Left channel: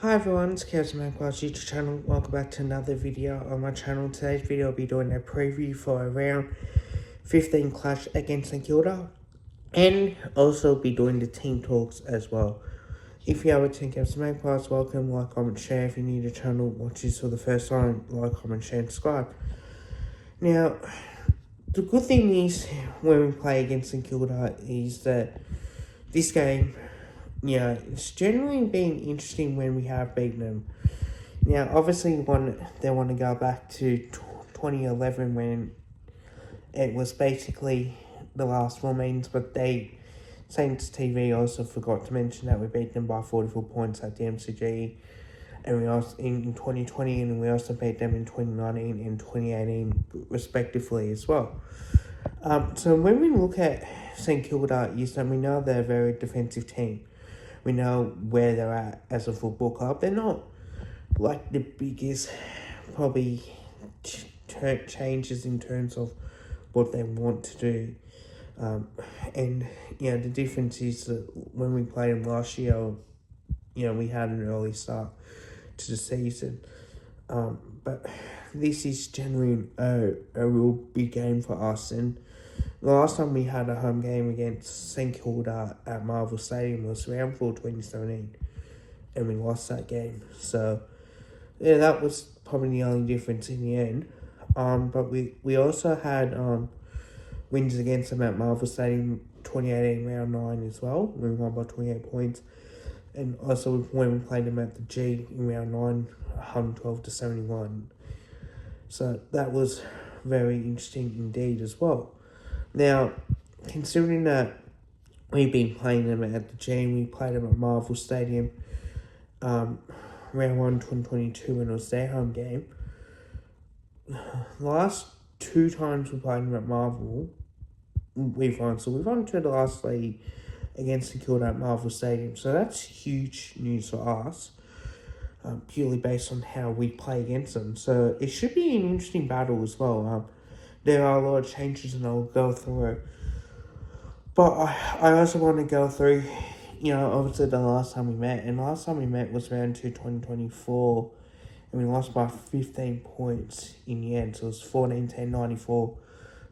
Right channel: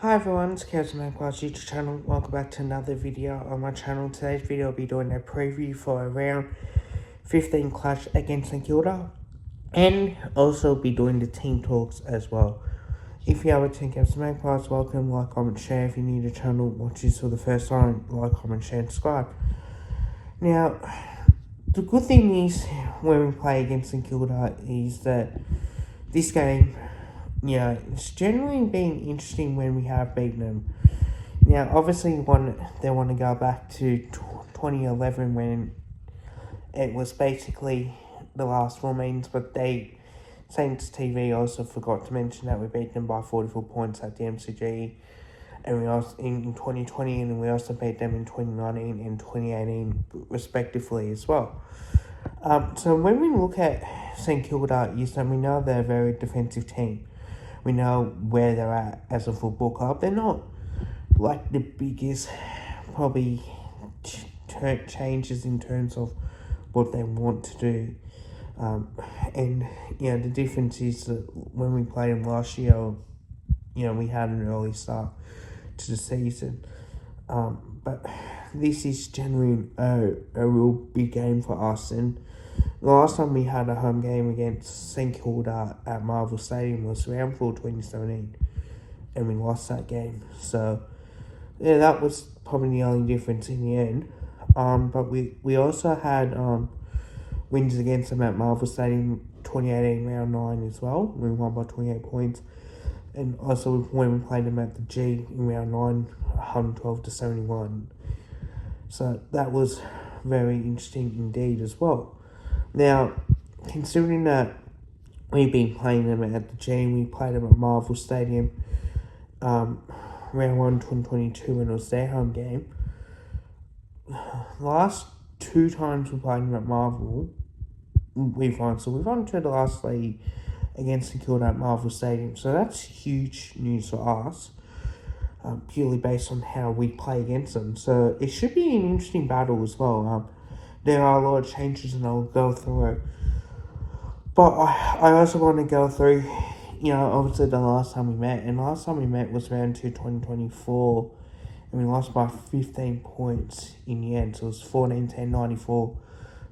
Hi everyone, it's StKilda YouTube channel. Welcome back to another video on my channel. Today's video will be doing a preview for a round 15 clash against StKilda, and also be doing the team talks as well. If you have a StKilda Magpies, welcome, like, comment, share. If you're new to the channel, watch this for the first time, like, comment, share, and subscribe. Now, the good thing is when we play against StKilda is that this game, it's generally been interesting when we have beaten them. Now, obviously, they want to go back to 2011 when it was basically the last 4 meetings, but Saints TV also forgot to mention that we beat them by 44 points at the MCG, and we also in 2020, and we also beat them in 2019 and 2018 respectively as well. So when we look at StKilda, is that we know they're a very defensive team. We know where they're at as a football club. They're not like the biggest probably changes in terms of what they want to do. And the difference is that when we played them last year, we had an early start to the season. But this is generally a real big game for us. And the last time we had a home game against StKilda at Marvel Stadium was round 4 2017, and we lost that game. So yeah, that was probably the only difference in the end. But we also had wins against them at Marvel Stadium 2018 round 9 as well. We won by 28 points. And also when we played them at the G in round 9, 112 to 71. So that was very interesting indeed as well. Now, considering that we've been playing them at the G, we played them at Marvel Stadium round 1 2022 when it was their home game. The last 2 times we played them at Marvel, we've won. So we've won to the last 3 against StKilda at Marvel Stadium. So that's huge news for us, purely based on how we play against them. So it should be an interesting battle as well. There are a lot of changes, and I'll go through it. But I also want to go through, obviously the last time we met. And last time we met was round 2 2024. And we lost by 15 points in the end. So it was 14-10 94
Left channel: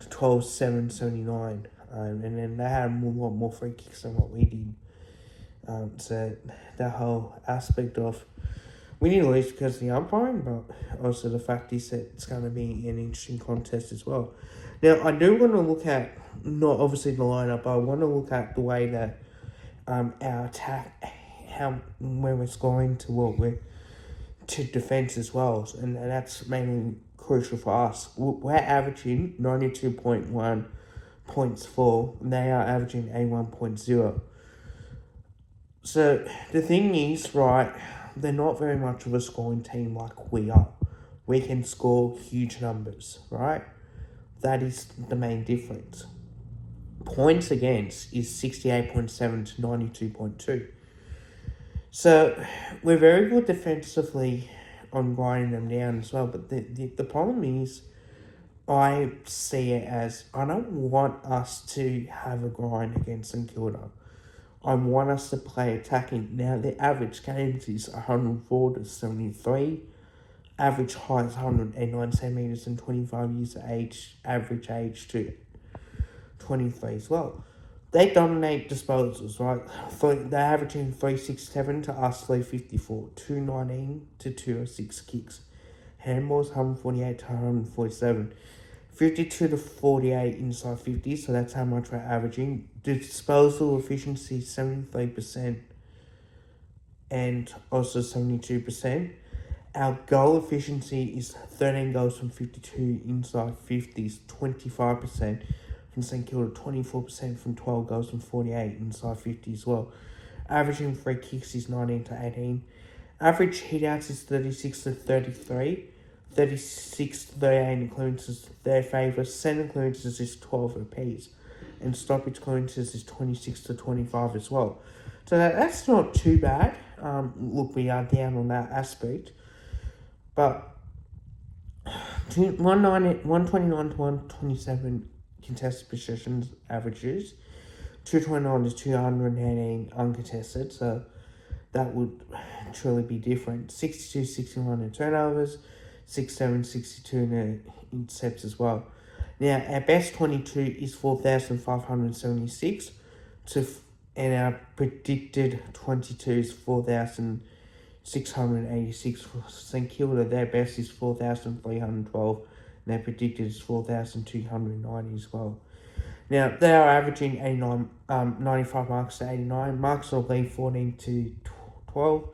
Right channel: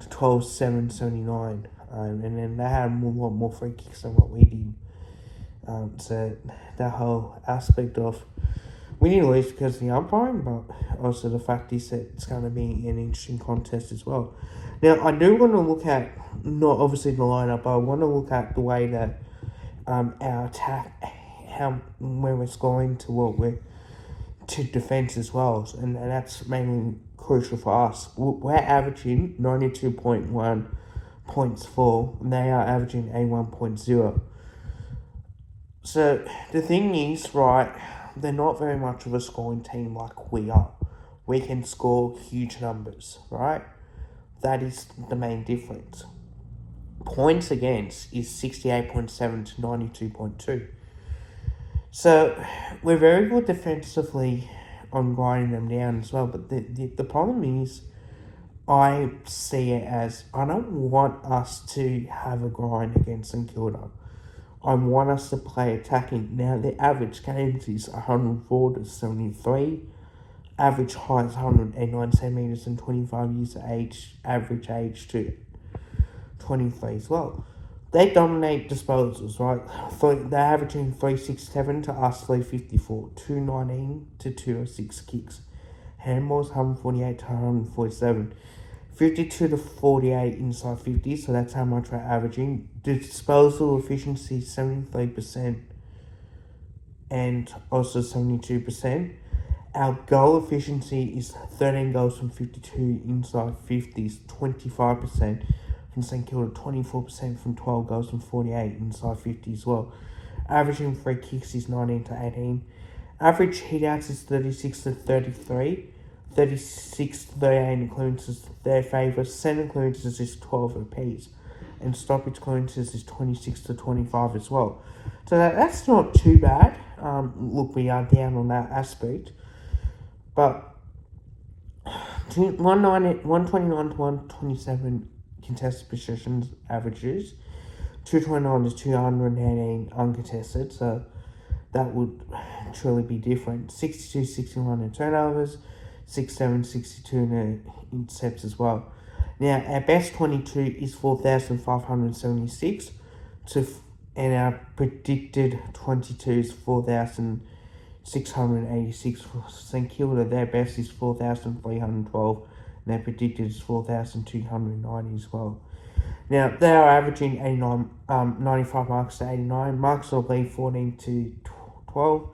to 12-7 79. And then they had a lot more free kicks than what we did. So that whole aspect of, we didn't lose because of the umpiring, but also the fact is that it's going to be an interesting contest as well. Now, I do want to look at, not obviously the lineup, but I want to look at the way that our attack, where we're scoring to defence as well, and that's mainly crucial for us. We're averaging 92.1 points for, and they are averaging 81.0. So the thing is, right, they're not very much of a scoring team like we are. We can score huge numbers, right? That is the main difference. Points against is 68.7 to 92.2. So we're very good defensively on grinding them down as well. But the problem is, I see it as, I don't want us to have a grind against StKilda. I want us to play attacking. Now, the average games is 104 to 73. Average height is 189 centimeters and 25 years of age. Average age to 23 as well. They dominate disposals, right? They're averaging 367 to us 354. 219 to 206 kicks. Handballs 148 to 147. 52 to 48 inside 50, so that's how much we're averaging. The disposal efficiency is 73% and also 72%. Our goal efficiency is 13 goals from 52 inside 50s, 25%. And StKilda 24% from 12 goals from 48 inside 50 as well. Averaging free kicks is 19 to 18. Average hitouts is 36 to 33. 36 to 38 clearances their favour. Centre clearances is 12 apiece. And stoppage clearances is 26 to 25 as well. So that's not too bad. Look, we are down on that aspect. But 129 to 127 contested possessions averages. 229 to 218 uncontested. So that would truly be different. 62-61 in turnovers, 6-7-62 in sets as well. Now, our best 22 is 4,576, and our predicted 22 is 4,686 for StKilda. Their best is 4,312, and their predicted is 4,290 as well. Now, they are averaging 95 marks to 89, marks of lead 14-12,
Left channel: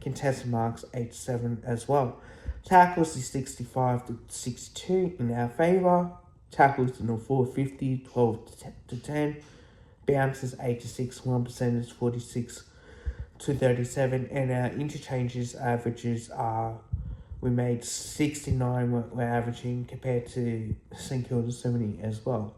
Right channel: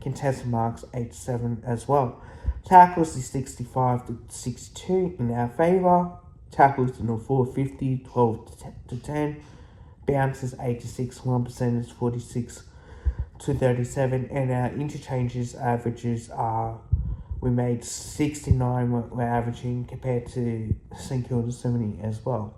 contested marks 8-7 as well. Tackles is 65-62 in our favour. Tackles in the 450, 12-10. Bounces 8-6, 1% is 46-37, and our interchanges averages are, we made 69 we're averaging compared to StKilda 70 as well.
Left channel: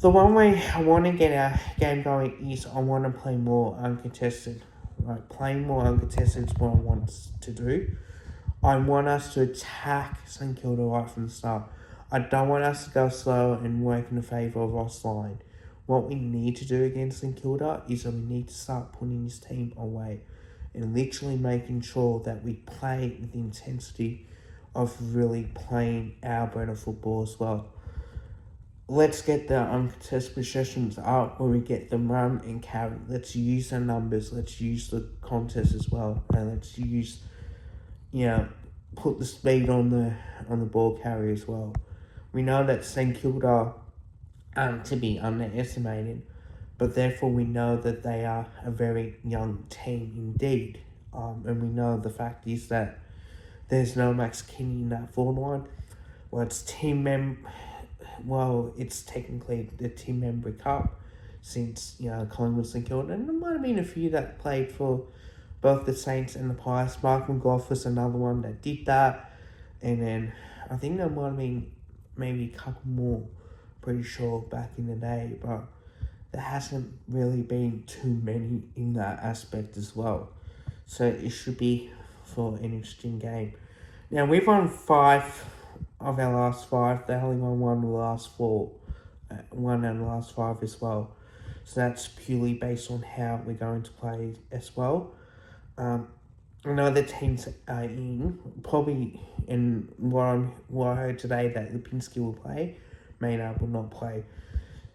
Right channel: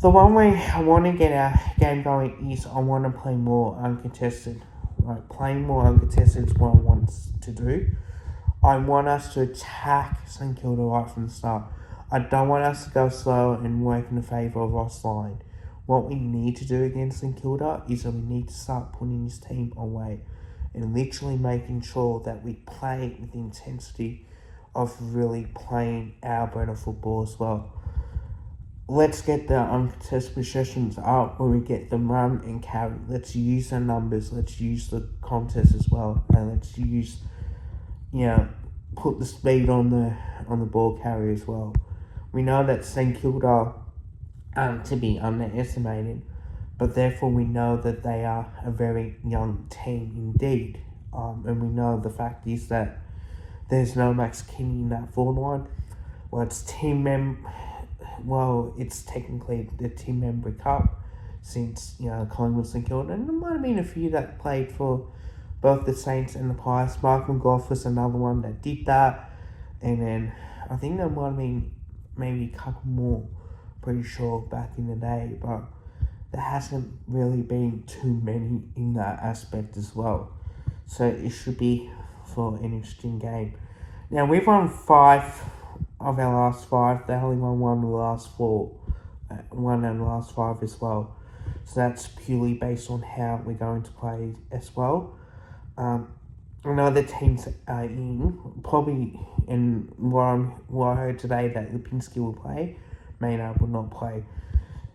The one way I want to get our game going is I want to play more uncontested. Like, playing more uncontested is what I want to do. I want us to attack StKilda right from the start. I don't want us to go slow and work in the favour of offline. What we need to do against StKilda is we need to start putting this team away and literally making sure that we play with the intensity of really playing our brand of football as well. Let's get the uncontested possessions up where we get them run and carry. Let's use the numbers. Let's use the contest as well, and let's use, put the speed on the ball carry as well. We know that StKilda aren't to be underestimated, but therefore we know that they are a very young team indeed. And we know the fact is that there's no Max Kinney in that forward line. It's technically the team member cup since, Collingwood StKilda, and there might have been a few that played for both the Saints and the Pies. Mark McGough was another one that did that, and then I think there might have been maybe a couple more, pretty sure, back in the day, but there hasn't really been too many in that aspect as well. So it should be for an interesting game. Now, we've won 5 of our last 5. They only won 1 of the last 4. 1 out of the last 5 as well. So that's purely based on how we're going to play as well. I know the teams are in, probably, and what I heard today that Lipinski will play, Maynard will not play.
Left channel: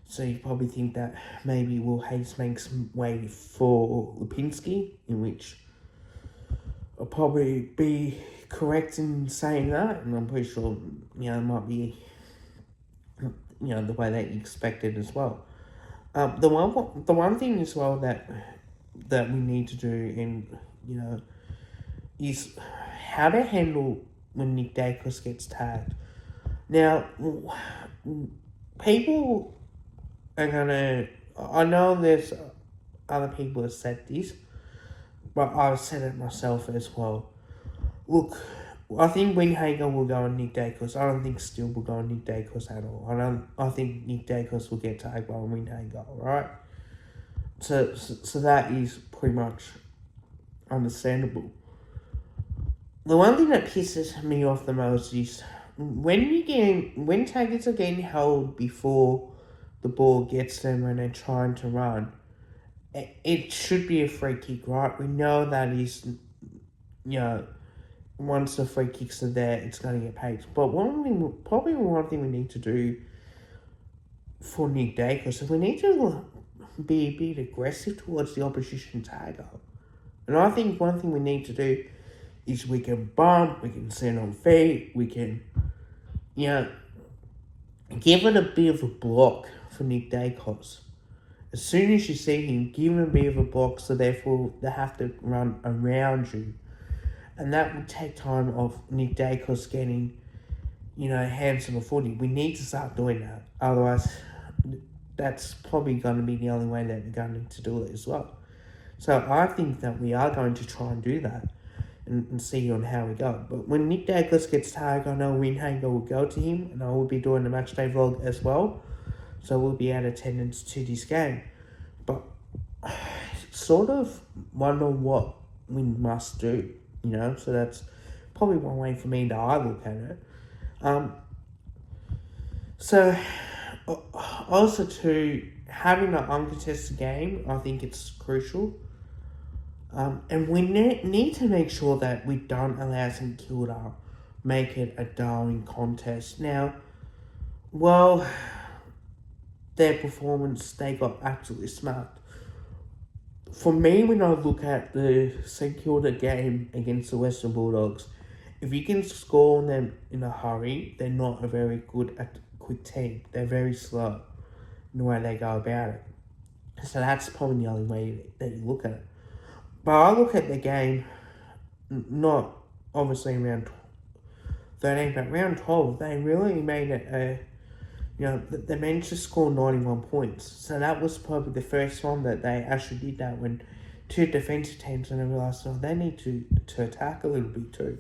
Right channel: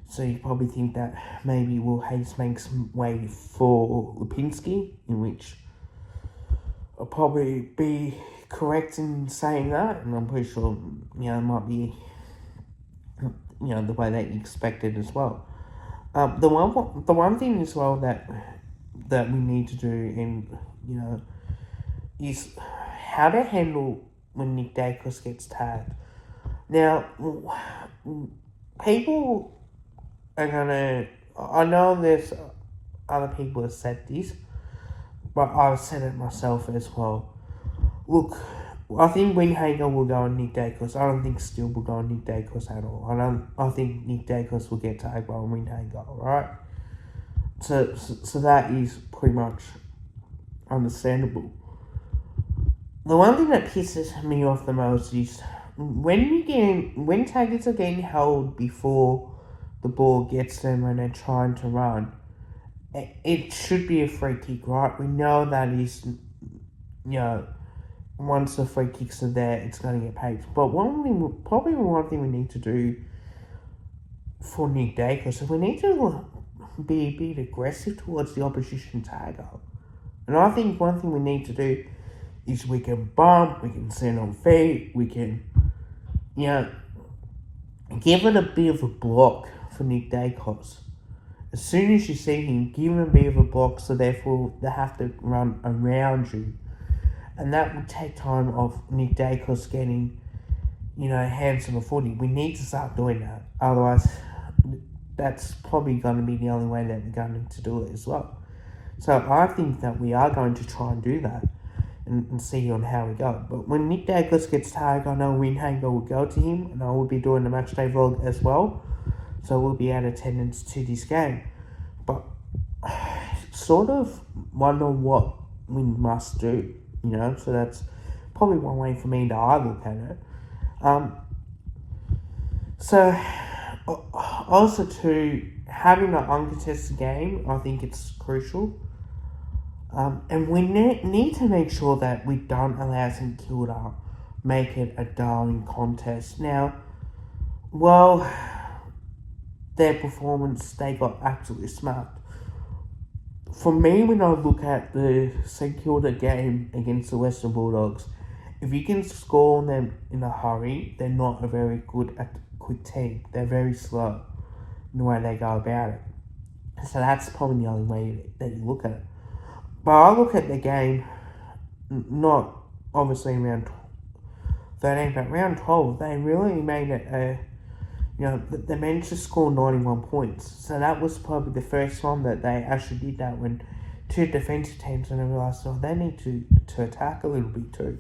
So you probably think that maybe Will Hayes makes way for Lipinski, in which I'll probably be correct in saying that, and I'm pretty sure, it might be, the way that you expected as well. The one thing as well that we need to do, and is how to handle when Nick Dacos gets tagged. Now, people are gonna, I know there's other people have said this, but I've said it myself as well. Look, I think Windhager will go on Nick Dacos. I don't think Steele will go on Nick Dacos at all. I think Nick Dacos will get tagged by Windhager, alright? So that is pretty much understandable. The one thing that pisses me off the most is when taggers are getting held before the ball gets them when they're trying to run, it should be a free kick, right? We know that is, once the free kicks are there, it's going to get paid. But one thing we need to do for Nick Dacos is we need to be a bit aggressive towards the opposition tagger. And I think one thing we need to do is we can bump, we can send on feet, we can, give it a bit of a block for Nick Dacos. As soon as you see him, give him a bit of a block, so therefore they have to run around you. And that will take time of Nick Dacos getting, hands on the footy. We need to start doing that. Otherwise, that's probably going to be the only way that we're going to do it as well. So I think that we are going to try and do that and see on how we go. But when Nick Dacos gets tagged, I know Windhager will go to him, and I will be doing the matchday vlog as well. So we'll be out of attendance to this game. But sort of wonder what we must do, so that's probably one way for me to look at it. So also to having an uncontested game, I think it's crucial. And we need to make sure that we don't allow StKilda make it a darling contest. Now, well, their performance, they got absolutely smacked. For me, when I look at the StKilda game against the Western Bulldogs, if you can score on them in a hurry, they're not a very good at quick team. They're very slow in the way they go about it. So that's probably the only way that you look at it. But I look at the game, not obviously round 13, but round 12, they really made it they managed to score 91 points. So that was probably the first time that they actually did that, when two defensive teams, and I realised, they need to attack a little bit too.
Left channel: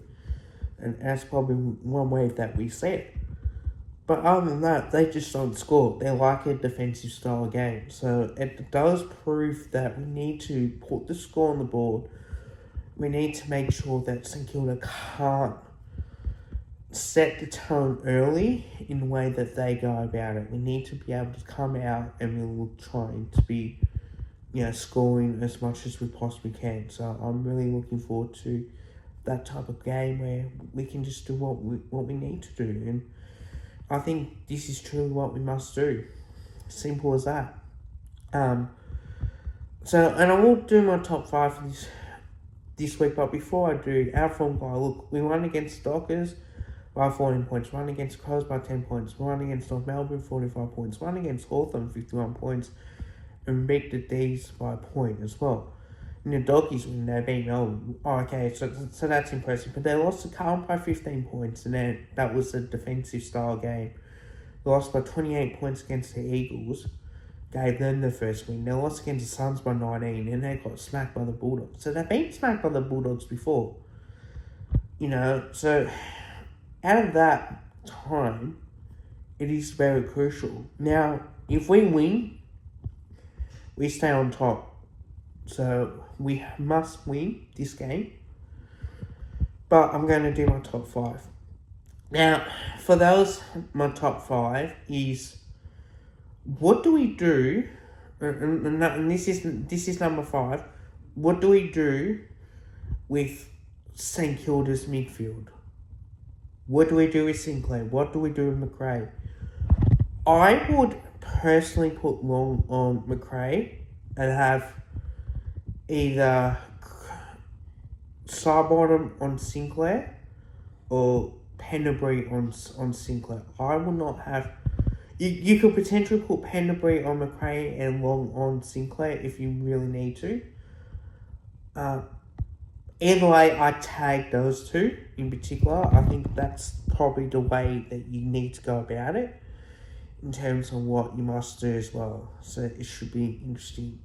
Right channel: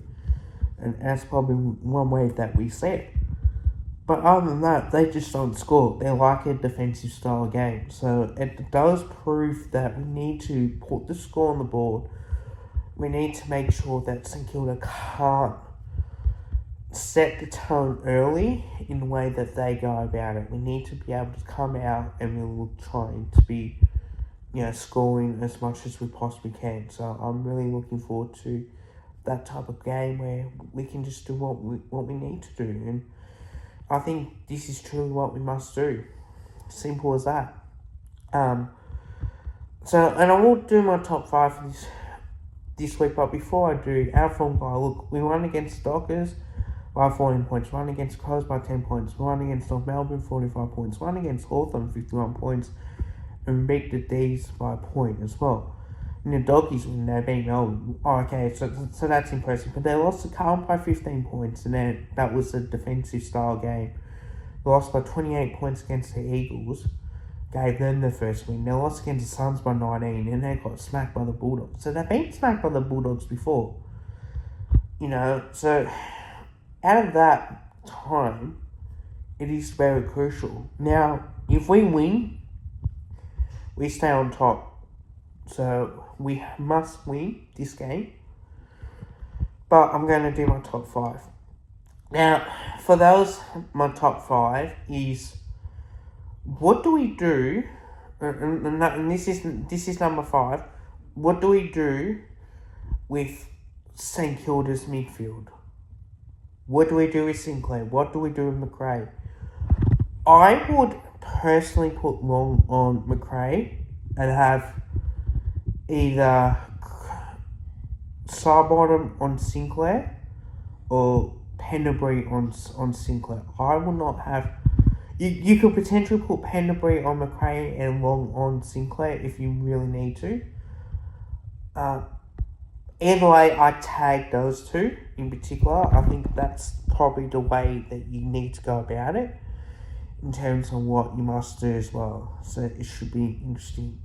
And that's probably one way that we see it. But other than that, they just don't score. They like a defensive style game. So it does prove that we need to put the score on the board. We need to make sure that StKilda can't set the tone early in the way that they go about it. We need to be able to come out and we're trying to be, scoring as much as we possibly can. So I'm really looking forward to that type of game where we can just do what we need to do. And I think this is truly what we must do. Simple as that. And I will do my top 5 for this week, but before I do, our form by look, we won against Dockers by 14 points, won against Crows by 10 points, won against North Melbourne 45 points, won against Hawthorn 51 points, and beat the D's by a point as well. And the Doggies, when they beat Melbourne, so that's impressive. But they lost to Carlton by 15 points, and then that was a defensive style game. They lost by 28 points against the Eagles, gave them the first win. They lost against the Suns by 19, and they got smacked by the Bulldogs. So they've been smacked by the Bulldogs before. So out of that time, it is very crucial. Now, if we win, we stay on top. So we must win this game. But I'm going to do my top 5. Now, for those, my top 5 is, what do we do, and this is number 5, what do we do with StKilda's midfield? What do we do with Sinclair? What do we do with McRae? I would personally put Long on McRae and have either Sidebottom on Sinclair or Pendlebury on Sinclair. I will not have... You could potentially put Pendlebury on McRae and Long on Sinclair if you really need to. Either way, I tag those two in particular. I think that's probably the way that you need to go about it in terms of what you must do as well. So it should be interesting.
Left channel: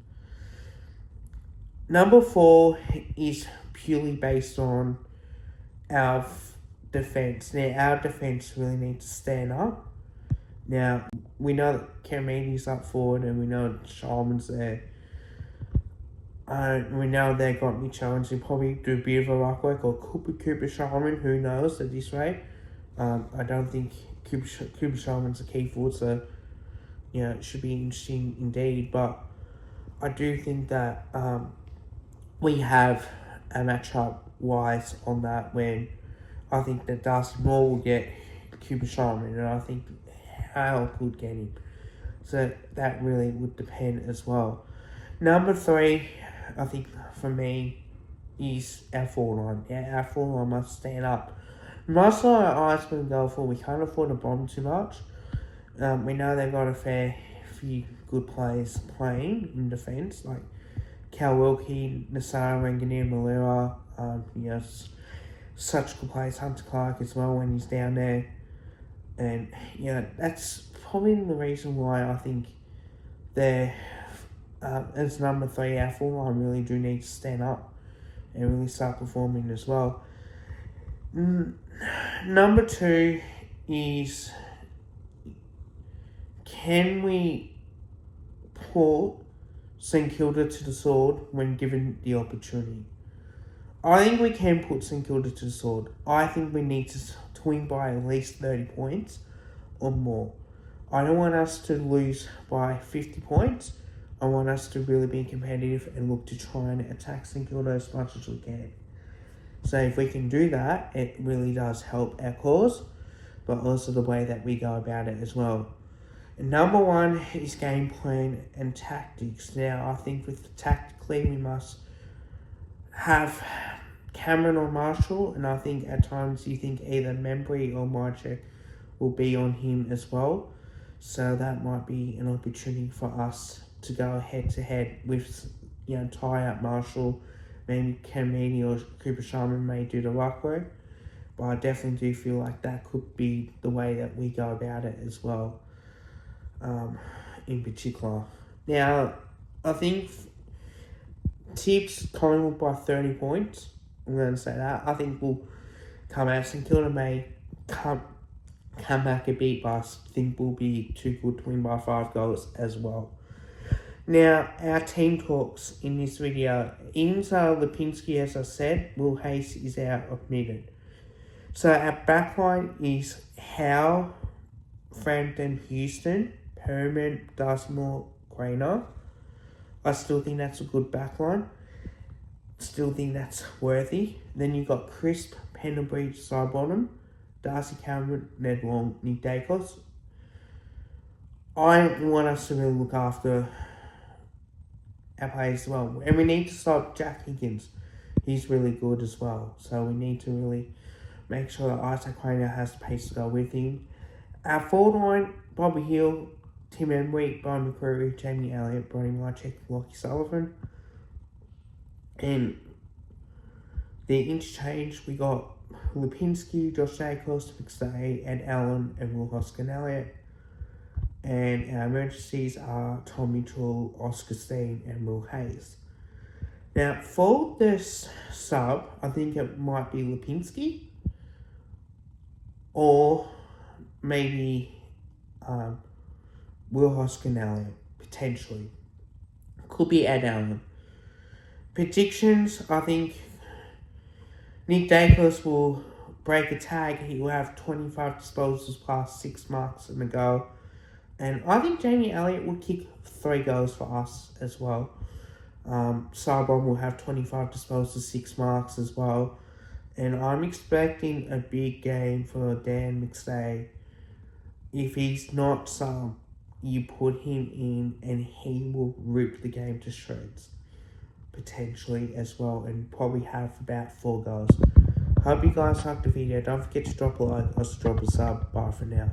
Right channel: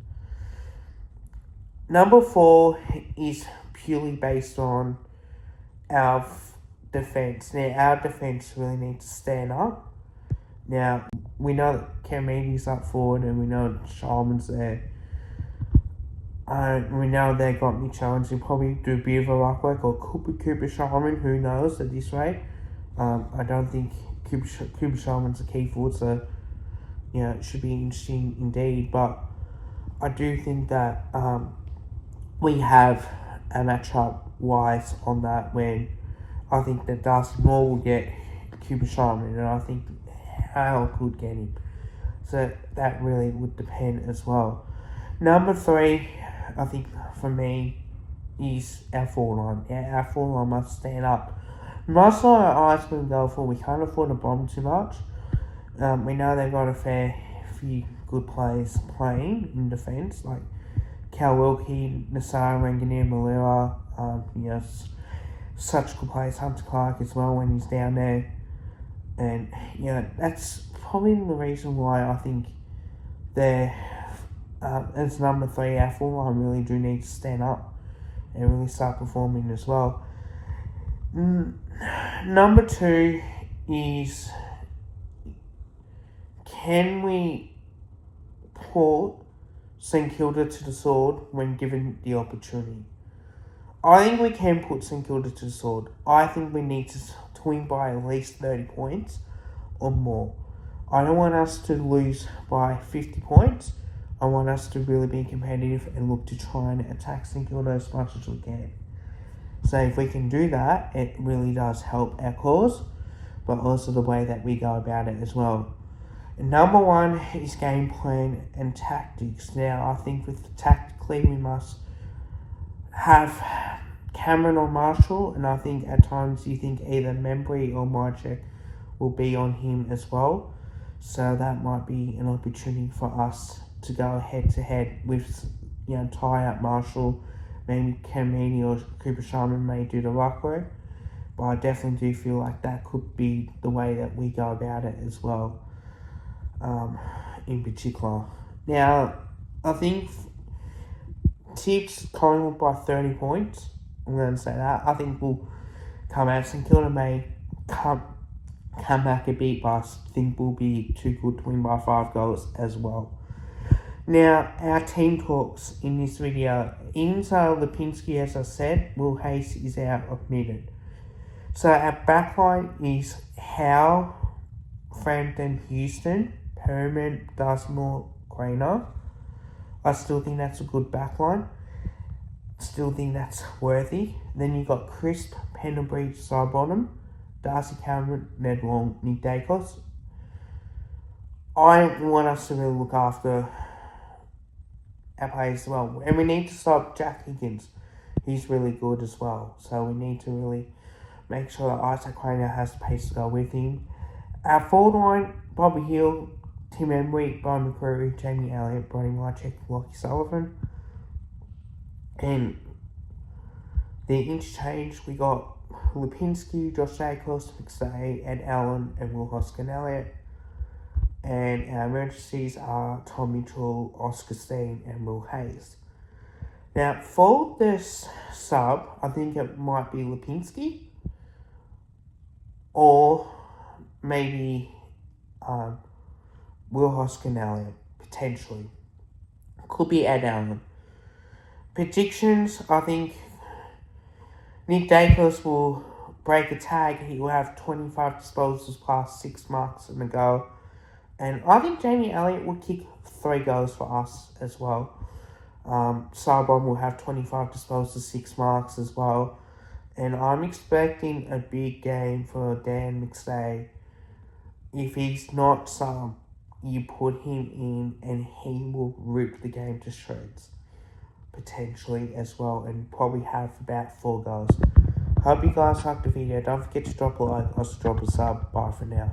Number 4 is purely based on our defence. Now, our defence really needs to stand up. Now, we know that Kermedy's up forward and we know Sharman's there. We know they got Mitch Owens who probably do a bit of a rock work, or could be Cooper Sharman, who knows at this rate. I don't think Cooper Sharman's a key forward, so it should be interesting indeed. But I do think that we have a matchup wise on that, when I think that Darcy Moore will get Cooper Sharman, and I think Hale could get him. So that really would depend as well. Number 3, I think for me, is our forward line. Our forward line must stand up. Most of our eyes will go for, we can't afford to bomb too much. We know they've got a fair few good players playing in defence, like Cal Wilkie, Nassar, Ranganier, Malera, such good players, Hunter Clark as well when he's down there. And, that's probably the reason why I think they're, as number 3, our forward line really do need to stand up and really start performing as well. Number 2 is, can we put StKilda to the sword when given the opportunity? I think we can put StKilda to the sword. I think we need to win by at least 30 points or more. I don't want us to lose by 50 points. I want us to really be competitive and look to try and attack StKilda as much as we can. So if we can do that, it really does help our cause, but also the way that we go about it as well. And number one is game plan and tactics. Now, I think tactically we must have Cameron or Marshall, and I think at times you think either Membry or Mychek will be on him as well. So that might be an opportunity for us to go head to head with, tie up Marshall. Maybe Ken Meaney or Cooper Sharman may do the ruck work. But I definitely do feel like that could be the way that we go about it as well, in particular. Now, I think tips Collingwood by 30 points. I'm going to say that. I think we'll come out. StKilda may come back a bit, but I think we'll be too good to win by 5 goals as well. Now, our team talks in this video. Inza Lipinski, as I said, Will Hayes is out of Midden. So our backline is Howe, Frampton, Houston, Perriman, Dustmore, Craner. I still think that's a good backline. Still think that's worthy. Then you've got Crisp, Pendlebury, Sidebottom, Darcy Cameron, Ned Long, Nick Dacos. I want us to really look after our players as well. And we need to stop Jack Higgins. He's really good as well. So we need to really make sure that Isaac Craner has the pace to go with him. Our forward line, Bobby Hill, Tim Embry, Brian McCreary, Jamie Elliott, Brody Mychek, Lockie Sullivan. And the interchange, we got Lipinski, Josh Jacobs, McStay, Ed Allen, and Will Hoskin-Elliott. And our emergencies are Tom Mitchell, Oscar Steen, and Will Hayes. Now, for this sub, I think it might be Lipinski, or maybe Will Hoskin-Elliott, potentially. Could be Ed Allen. Predictions, I think Nick Dacos will break a tag. He will have 25 disposals plus 6 marks in the goal. And I think Jamie Elliott will kick 3 goals for us as well. Sidebottom will have 25 disposals, 6 marks as well. And I'm expecting a big game for Dan McStay. If he's not sub, you put him in and he will rip the game to shreds. Potentially as well, and probably have about 4 goals. Hope you guys liked the video. Don't forget to drop a like, also drop a sub. Bye for now.